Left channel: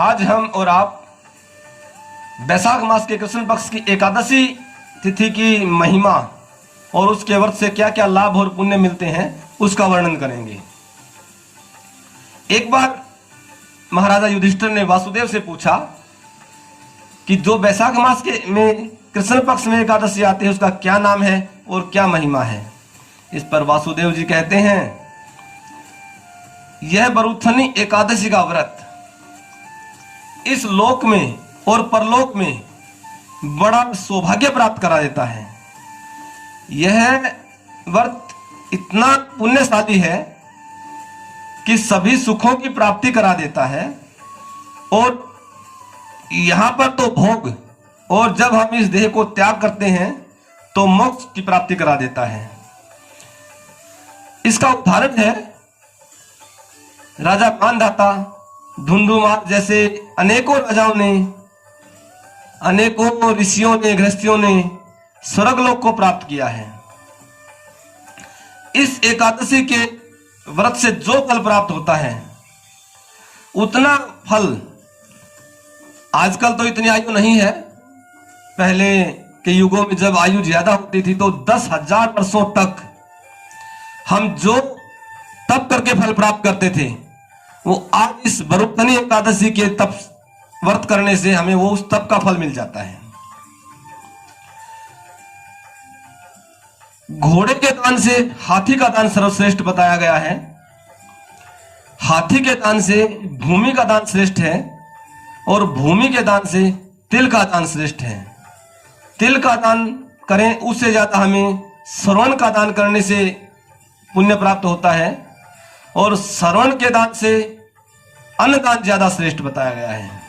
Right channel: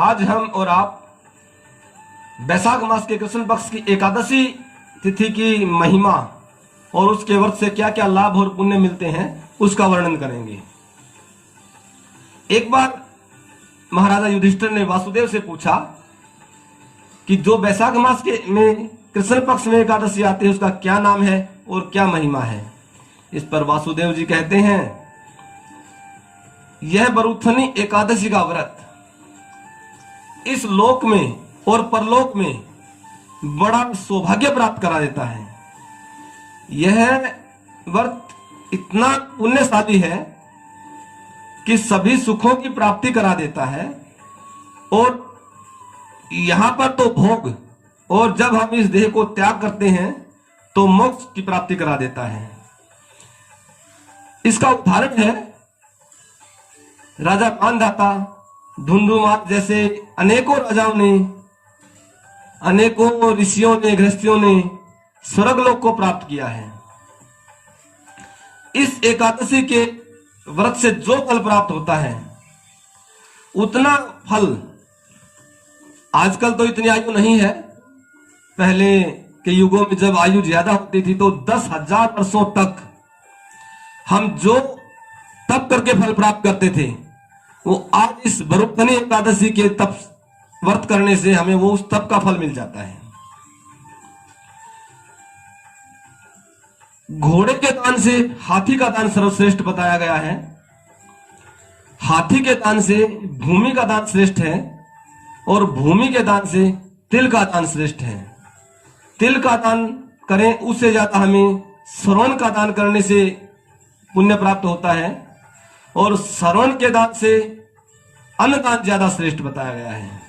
आज हम और आप वैशाख मास के कृष्ण पक्ष की एकादशी तिथि की महिमा और उसके व्रत से क्या क्या लाभ और पुण्य मिलते हैं उसका वर्णन करेंगे। एक बार महाराजा युधिष्ठिर ने वासुदेव से पूछा कि जो वैशाख मास के में कृष्ण पक्ष में एकादशी आती है उसका क्या नाम है और क्या महिमा है। इस पर वासुदेव जी कहते हैं, यह बरूथनी एकादशी का व्रत इस लोक में और परलोक में बड़ा सौभाग्य प्राप्त करा देता है। यह व्रत इतना पुण्यशाली है कि सभी सुखों की प्राप्ति करा देता है और यहां पर तो भोग, और जब हम इस देह को त्याग करते हैं तो मोक्ष की प्राप्ति करा देता है। इसका उदाहरण है राजा मानधाता, धुंधुमार जैसे अनेकों राजाओं ने, अनेकों ऋषियों ने, गृहस्थियों ने स्वर्गलोक को प्राप्त किया है। इस एकादशी के व्रत से जो फल प्राप्त होता है उतना फल आजकल तो इतनी आयु नहीं है। पहले के युगों में जब आयु ज्यादा होती थी तो 10,000 वर्षों तक हम जो तप करके फल प्राप्त करते थे वो आज इस बरूथनी एकादशी के तप व्रत करने से हमें वो उस तप का फल मिल जाता है। घोड़े के दान से हाथी का दान सर्वश्रेष्ठ बताया गया है। हाथी के दान से भूमि का दान श्रेष्ठ है और भूमि के दान से तिल का दान श्रेष्ठ है। तिल का दान करें उससे ज्यादा हमें श्रवण का दान करने से पुण्य प्राप्त होता है और श्रवण के दान से अन्न दान ज्यादा श्रेष्ठ बताया गया है।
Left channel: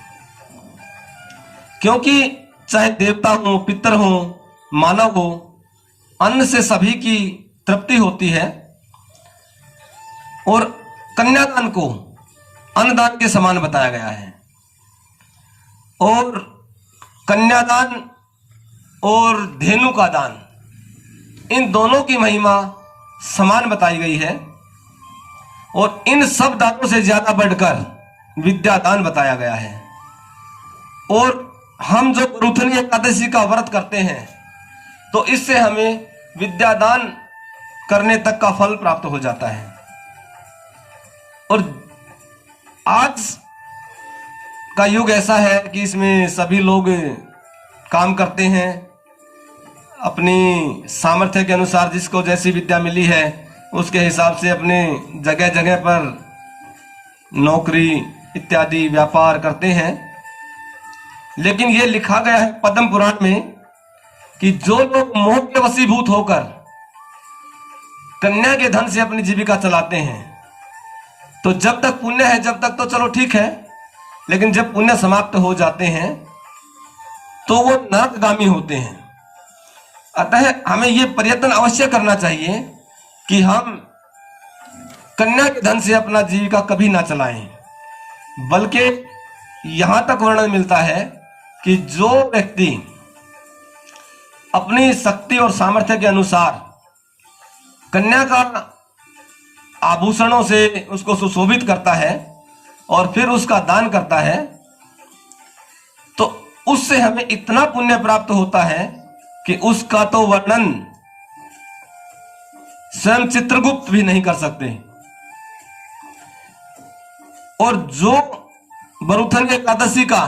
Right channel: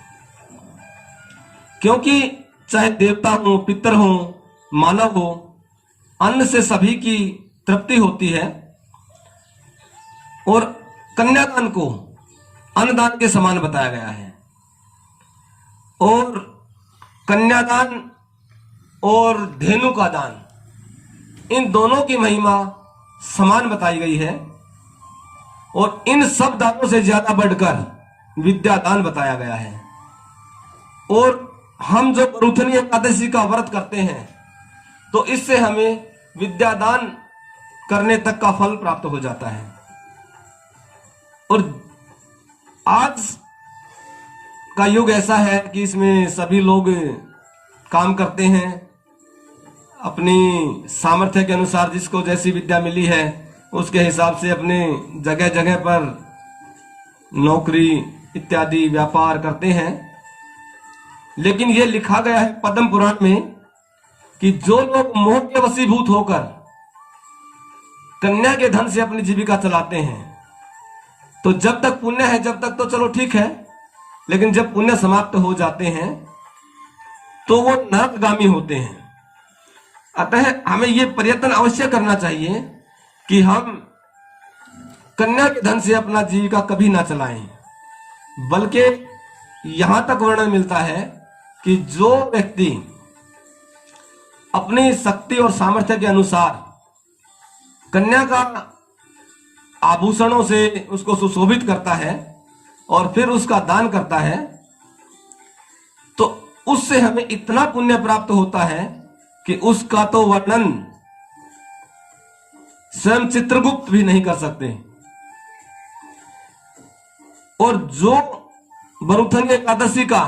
क्योंकि चाहे देवता हो, पितर हो, मानव हो, अन्न से सभी की तृप्ति होती है और कन्यादान को अन्नदान के समान बताया गया है। और कन्यादान और धेनु का दान, इन दोनों की महिमा समान बताई गई है और इन सब दानों से ज्यादा बढ़कर विद्या दान बताया गया है। और हम जो बरूथनी एकादशी का व्रत करते हैं तो इससे हमें विद्या दान करने तक का फल प्राप्त हो जाता है। और आज का युग ऐसा है कि इसमें सभी लोग काम करते हैं अपनी सामर्थ्य के अनुसार, जिसको जैसी विद्या मिली है उसके हिसाब से अपने जगह जगह पर नौकरी इत्यादि व्यापार करते हैं। लेकिन यह लिखा गया है पद्म पुराण में कि जो लोग मोह के वशीभूत होकर कन्या के धन से अपनी जीविका चलाते हैं तो जब तक पुण्य है जब तक तो चलो ठीक है, लेकिन जब पुण्य समाप्त हो जाते हैं तो वो नरकगामी होते हैं। अतः हमें यह प्रयत्न अवश्य करना चाहिए कि हम कन्या के धन से अपना जीविका कभी ना चलाएं। बल्कि यहां तक वर्णन मिलता है कि जो व्यक्ति अपनी शक्ति और सामर्थ्य के अनुसार कन्या का आभूषणों से उसको सुशोभित करता है और फिर उसका दान करता है तो उससे हमें इतना पुण्य प्राप्त होता है कि उसका तो वर्णन स्वयं चित्रगुप्त भी नहीं कर सकते। और जो बरूथनी एकादशी का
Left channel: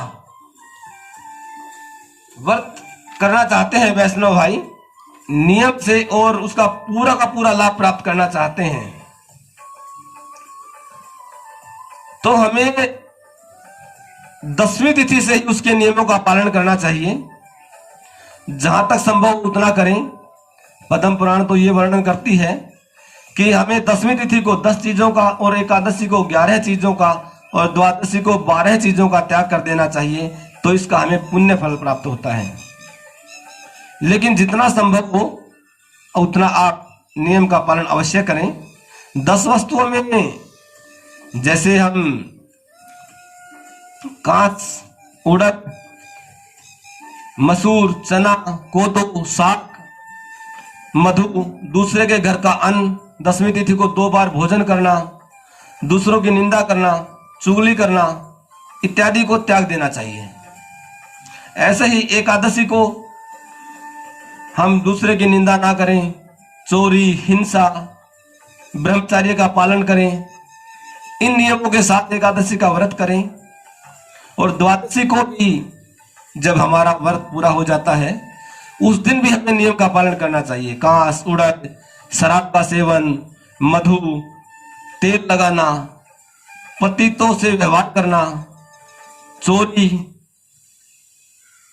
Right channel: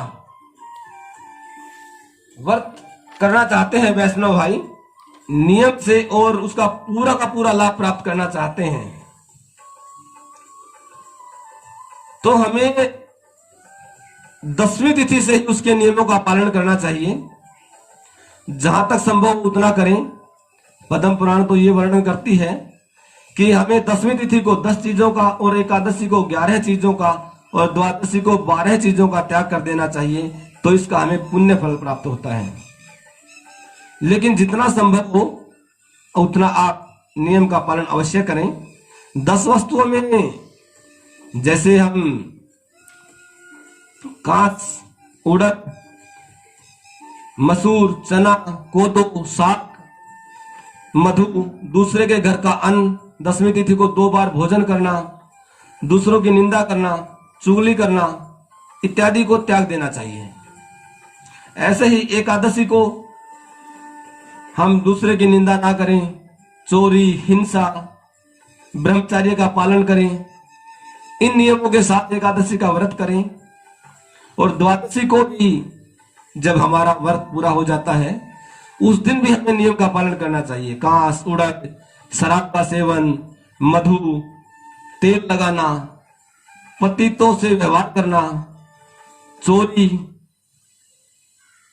व्रत करना चाहते हैं वैष्णव भाई नियम से और उसका पूरा का पूरा लाभ प्राप्त करना चाहते हैं तो हमें 10वीं तिथि से ही उसके नियमों का पालन करना चाहिए। जहां तक संभव उतना करें। पद्म पुराण तो ये वर्णन करती है कि हमें 10वीं तिथि को 10 चीजों का और एकादशी को 11 चीजों का और द्वादशी को 12 चीजों का त्याग कर देना चाहिए, तो इसका हमें पुण्य फल प्राप्त होता है। लेकिन जितना संभव हो उतना आप नियम का पालन अवश्य करें। 10 वस्तुओं में जैसे हम कांच, उड़द, मसूर, चना, कोदो, साग, मधु, दूसरे के घर का अन्न, 10वीं तिथि को 2 बार भोजन करना, दूसरों की निंदा करना, चुगली करना, इत्यादि को त्याग देना चाहिए। ऐसे ही एकादशी को हम दूसरे की निंदा ना करें, चोरी, हिंसा, ब्रह्मचर्य का पालन करें, इन नियमों के साथ एकादशी का व्रत करें। और द्वादशी को भी जब हमारा व्रत पूरा हो जाता है उस दिन भी हमें नियम का पालन करना चाहिए। कांस, उड़द, शराब का सेवन, मधु, तेल लगाना, पतितों से व्यवहार करना, चोरी,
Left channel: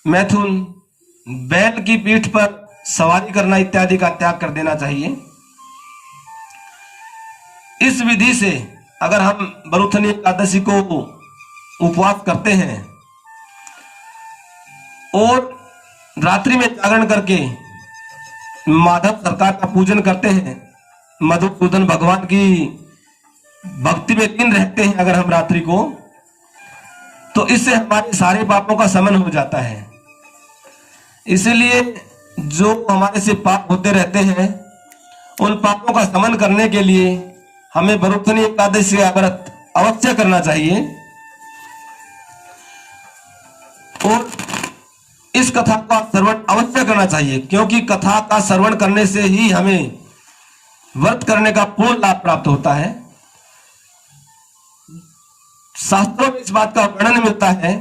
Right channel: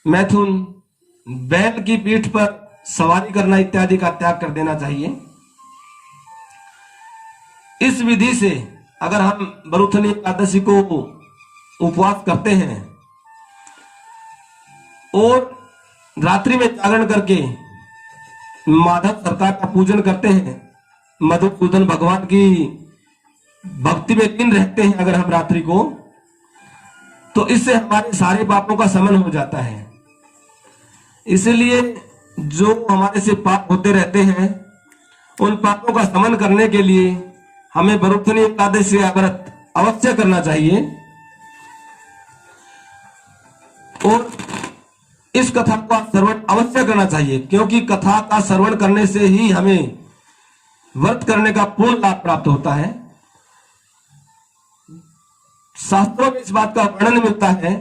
मैथुन, बैल की पीठ पर सवारी करना इत्यादि का त्याग कर देना चाहिए। इस विधि से अगर हम बरुथनी एकादशी को उपवास करते हैं और रात्रि में जागरण करके माधव सरकार का पूजन करते हैं, मधुसूदन भगवान की भक्ति में लीन रहते हैं अगर हम रात्रि को, तो इससे हमारे सारे पापों का शमन हो जाता है। इसलिए जो हमारे से पाप होते रहते हैं उन पापों का शमन करने के लिए हमें बरुथनी एकादशी का व्रत अवश्य करना चाहिए। और इस कथा का श्रवण अवश्य करना चाहिए, क्योंकि कथा का श्रवण करने से ही हमें व्रत करने का पूर्ण लाभ प्राप्त होता है। शास्त्रों में इस बात का वर्णन मिलता है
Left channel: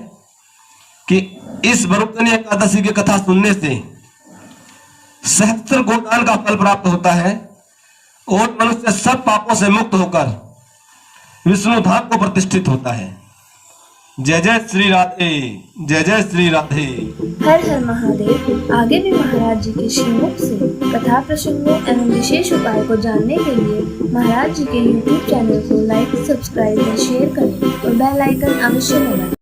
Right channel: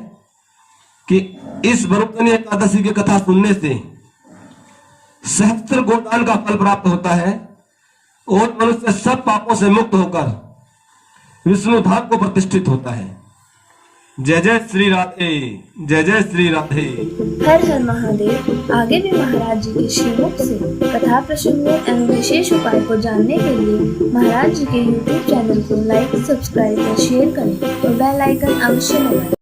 कि इस बरुथनी एकादशी की कथा सुनने से सहस्त्र गोदान का फल प्राप्त होता है और मनुष्य सब पापों से मुक्त होकर विष्णु धाम को प्रतिष्ठित होता है। जय जय श्री राधे, जय जय श्री राधे। हर हर महादेव। आगे भी महाराज जी के श्रीमुख से कथा प्रसंगों एवं विशेष उपाय को जानने के लिए महाराज जी के YouTube चैनल को लाइक, सब्सक्राइब और शेयर करें और बेल आइकन अवश्य दबाएं।